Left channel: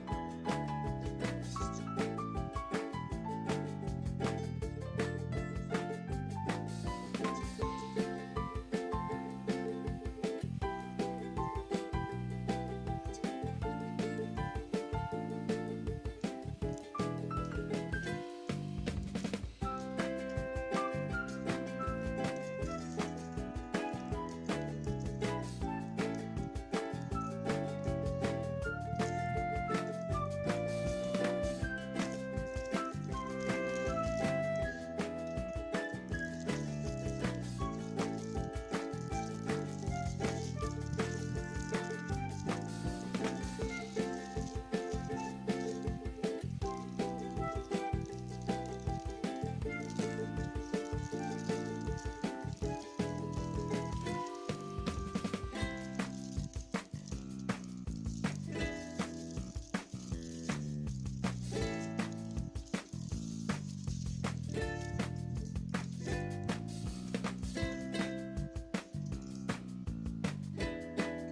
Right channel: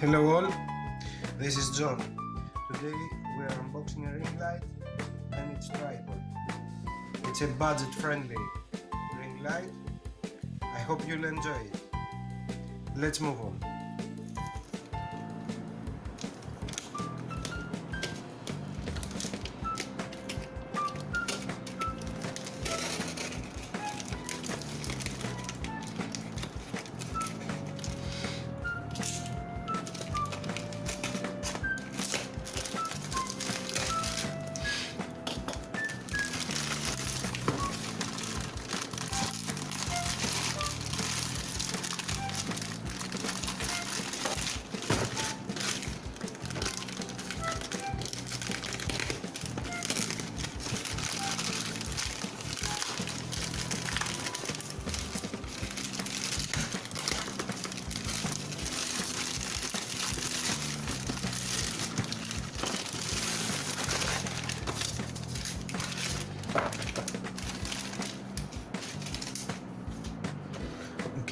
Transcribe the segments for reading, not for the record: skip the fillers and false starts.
Hello all, this is John. Today we are unboxing a Ringlight and its tripod. It's a budget-friendly Ringlight. I hope you'll enjoy it. Let's move on.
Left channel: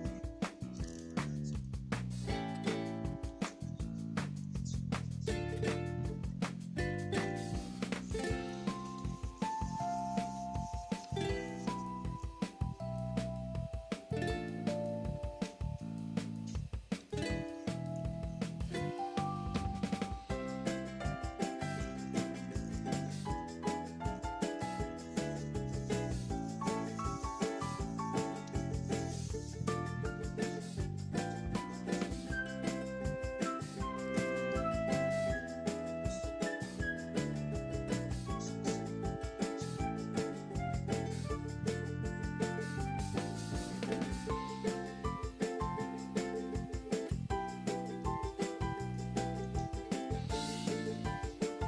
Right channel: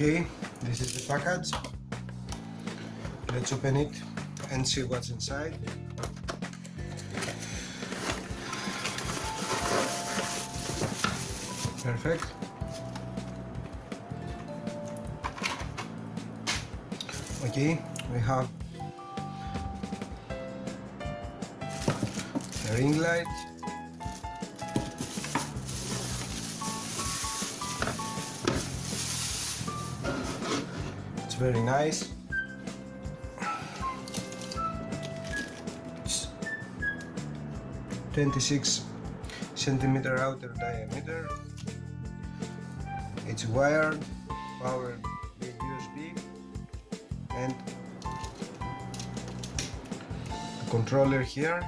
Okay, this is the package. Let's open it and see what's inside. Perfect. Okay, we have a ring light. Very nice. It's 26 centimeter outer diameter. It's wired, powered by USB, and a controller here.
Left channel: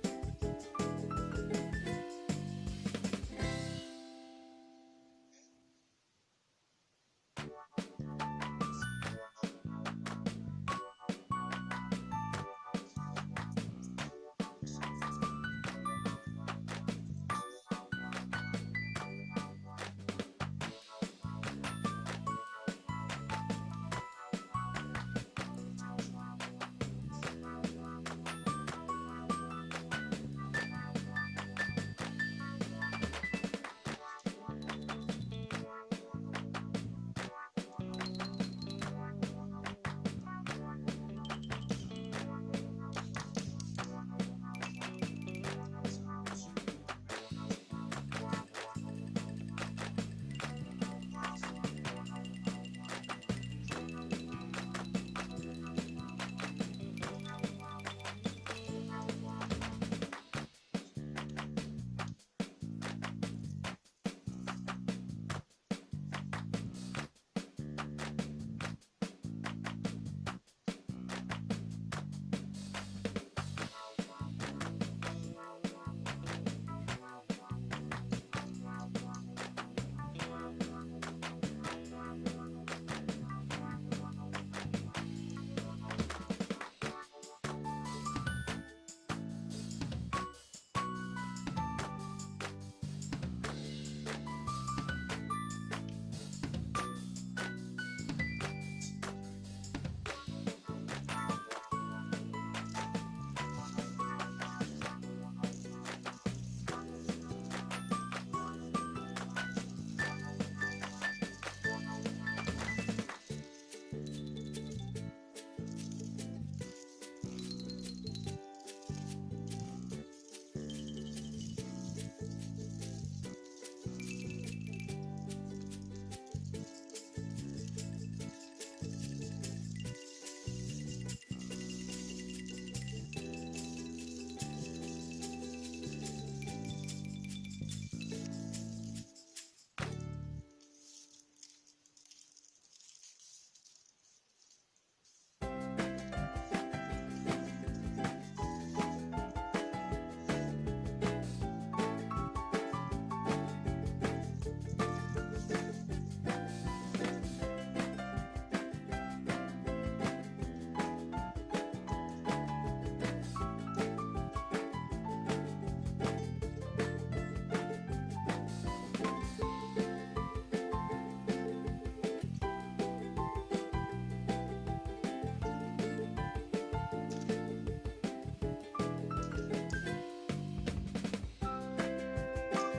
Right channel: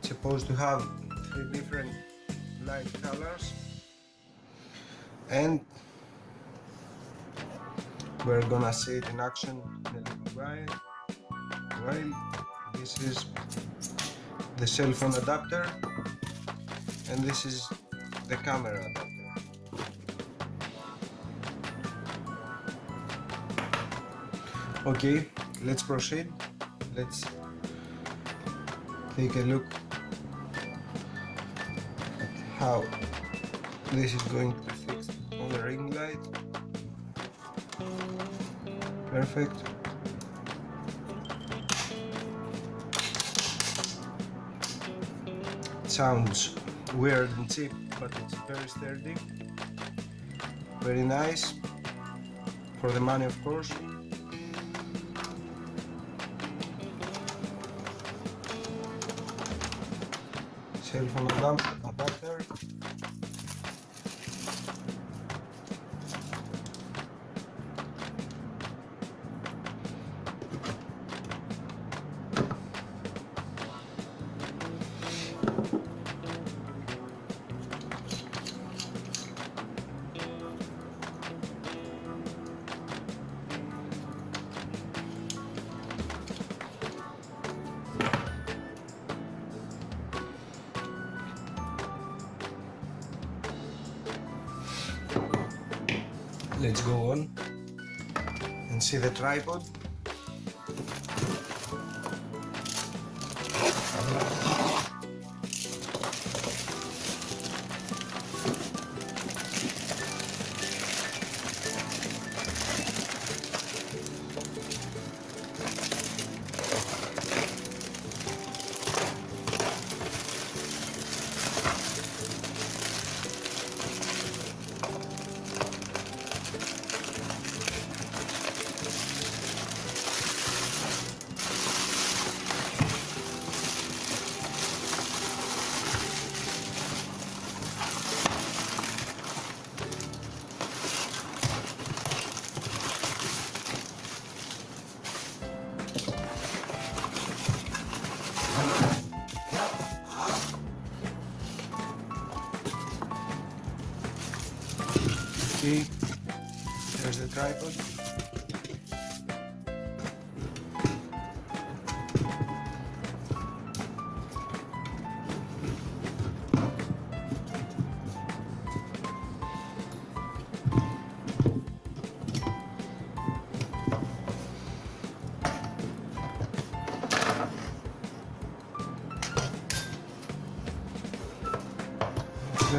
It's supposed to have 3 different light colors, and we're gonna see it in action in a little while. This is the cell phone adapter, and this is the camera adapter. Okay, let's proceed. Let's take a look how this is going to fix on the ring light. Perfect. It sounds weird and cheap, but it's very sturdy. Very nice. For the money, of course. Cell phone adapter. Let's go on and see the tripod.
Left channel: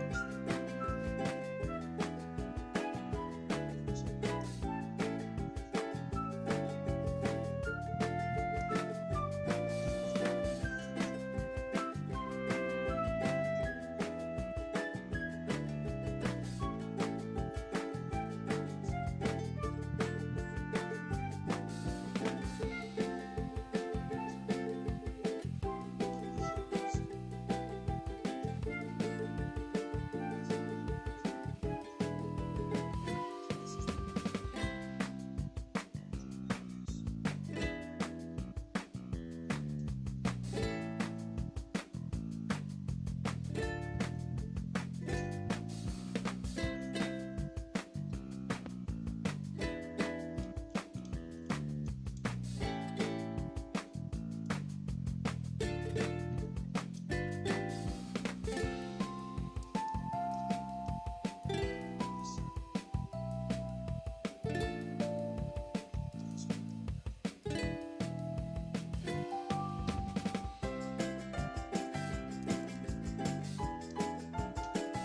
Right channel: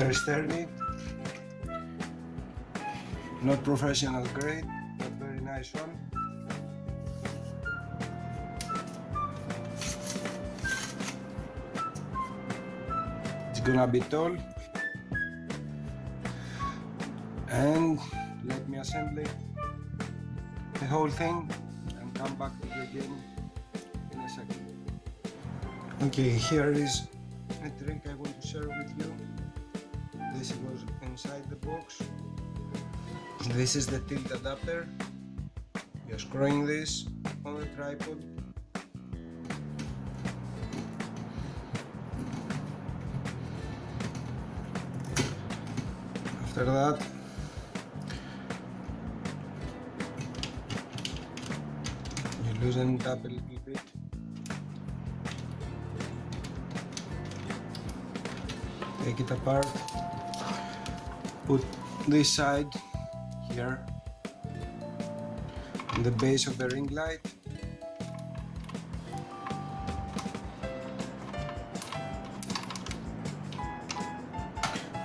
very sturdy, not professional grade, very nice one. It's gonna be tall, and let me assemble the whole thing and come back to the game in a second. Okay, here is a trick I want to share with you. This goes inside the box. This is the tilt adapter. You're screwing this on the tripod. After that, you loosen it up a little bit. Take it apart. Put this side here on the base of the ring light.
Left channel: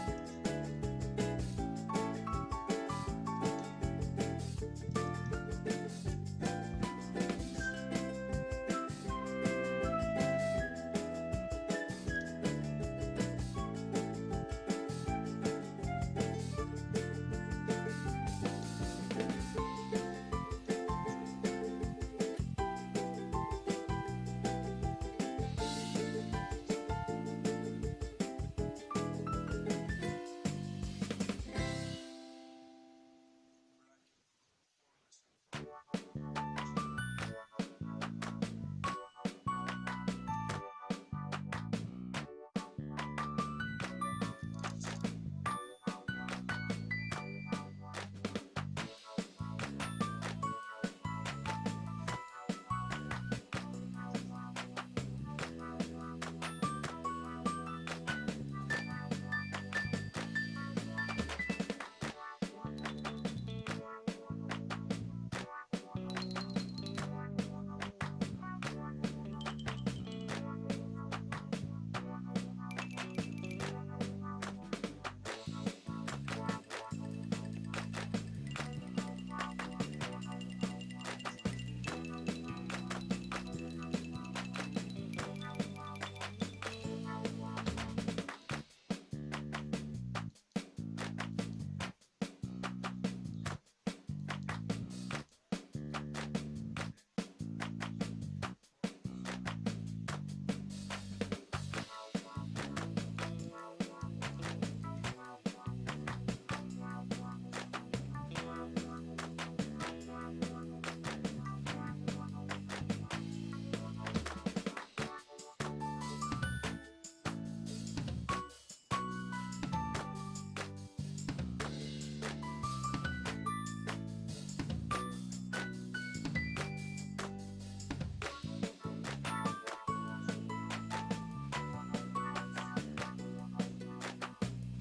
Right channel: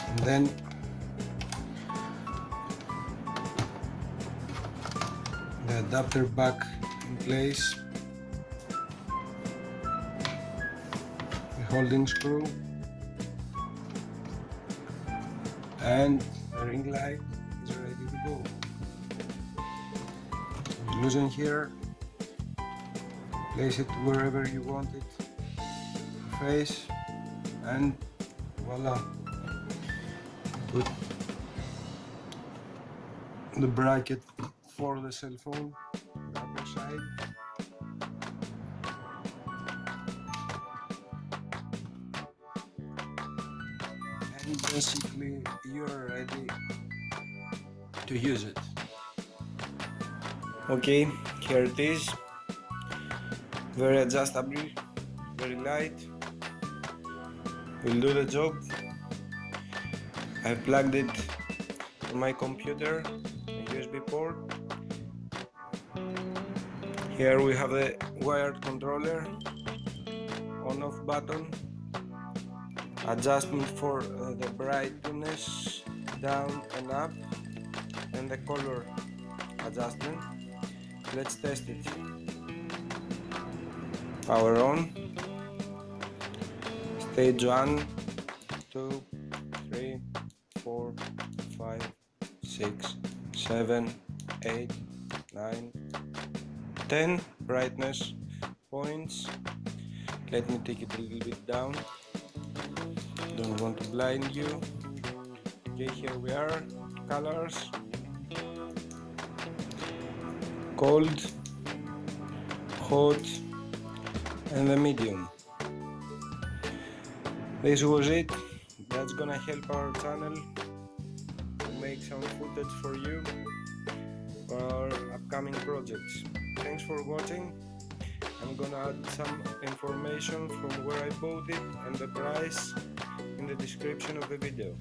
And then the adapter back in place, the holding screw, and the ring light is ready to go. Loosen here, place it wherever you want it to face, and voila. Put the bracket for the cell phone on the other side. And basically you're ready to use it. Okay, here it is. Very adjustable, very light. Will do the job. I plugged it on my computer, a USB port. Here we have the wired controller, on-off button, adjustment for the brightness down and up, and the color adjustment. Let's test it. Power on. Stage 1, 2, 3, 4, 5, 6, 7, 8, 9, 10 brightness points. Let me take it a little bit down. Don't want to blind you. Okay, here we are. Colors. Cold, hot, and the medium. This was it. That's gonna help our channel to make some footage for you for our upcoming projects. Thanks for watching. I'm gonna add some information from where I bought it and the price in the description of the video.